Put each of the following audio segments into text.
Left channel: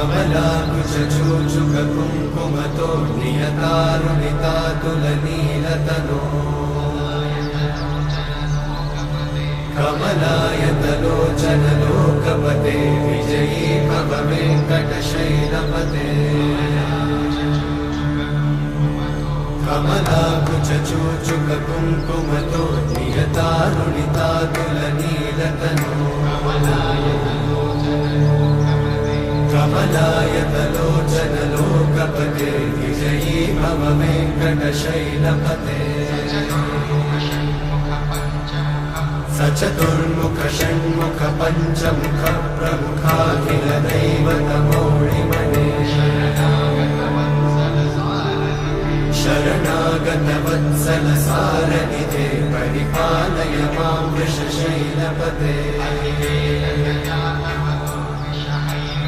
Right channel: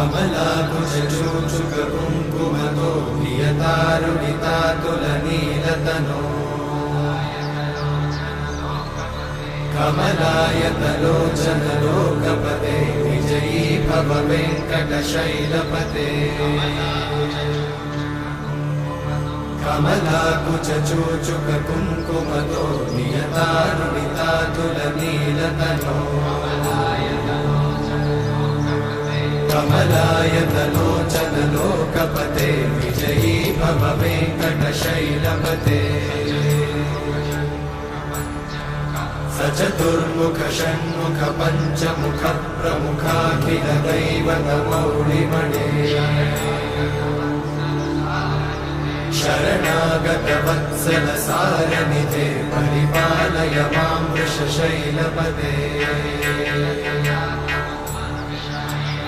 कमलाकुचूचुककुङ्कुमतो नियतानुनितातुलनीलतनो कमलायतलोचनलोकपते विजयी भव वेङ्कटशैलपते कमलाकुचूचुककुङ्कुमतो नियतानुनितातुलनीलतनो कमलायतलोचनलोकपते विजयी भव वेङ्कटशैलपते सचतुर्मुख षण्मुख पञ्चमुख प्रमुखाखिल दैवतमौलिमणे शरणागत वत्सल सारनिधे परिपालय मां वृषशैलपते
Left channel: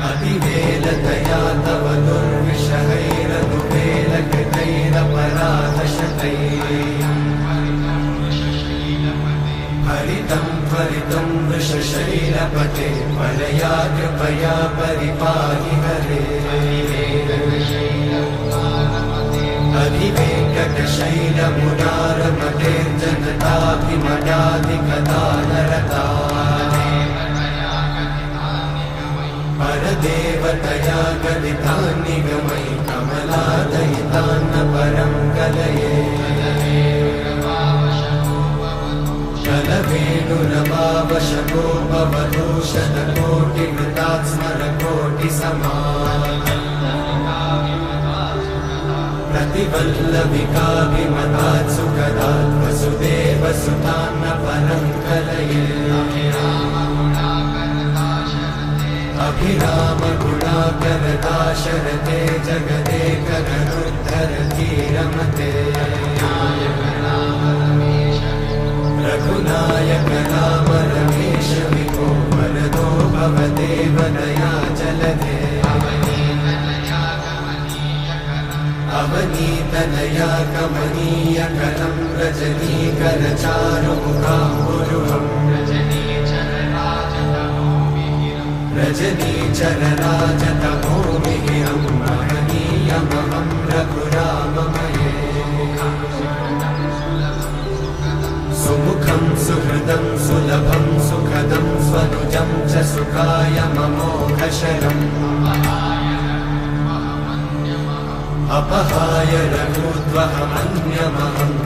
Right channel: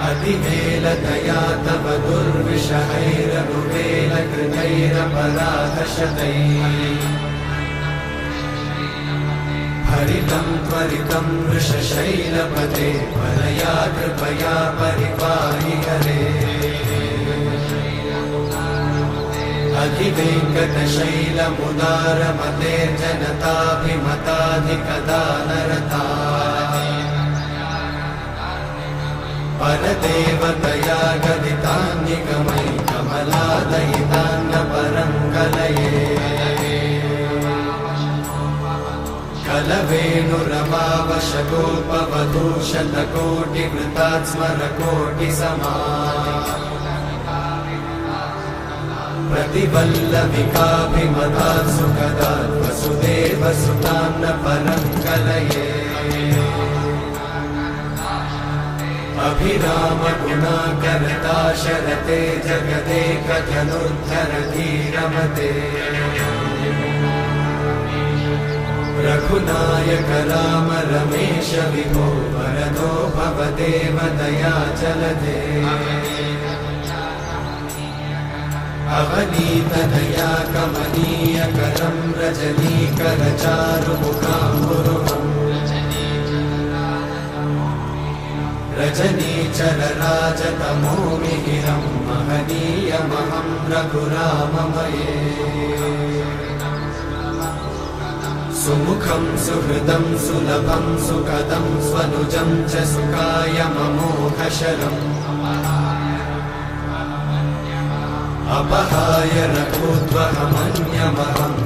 अतिवेलतया तव दुर्विषहैरनुवेलकृतैरपराधशतैः हरितं त्वरितं वृषशैलपते परया कृपया परिपाहि हरे अधिवेङ्कटशैलमुदारमते जनताभिमताधिकदानरता परदेवतया गदितान्निगमै कमलादयितान्न परं कलये कलवेणुरमावशतोपवधूषणकोटिवृतात् स्मरकोटिसमा प्रतिवल्लविकाभिमतात् सुखदात् वसुदेवसुतान्न परं कलये अभिरामगुणाकरदाशरथे जगदेकजनोद्धरधीरमते रघुनायक राम रमेश विभो वरदो भवदेव दयाचलधे अवनीतनया कमनीयकरं रजनीकरचारुमुखाम्बुरुहम् रजनीचरराजतमोमिहिरं महनीयमहं रघुराममये सुमुखं सुहृदं सुलभं सुखदं स्वनुजं च सुखायममोघशरम् अपहाय रघुत्वहमन्यमहम्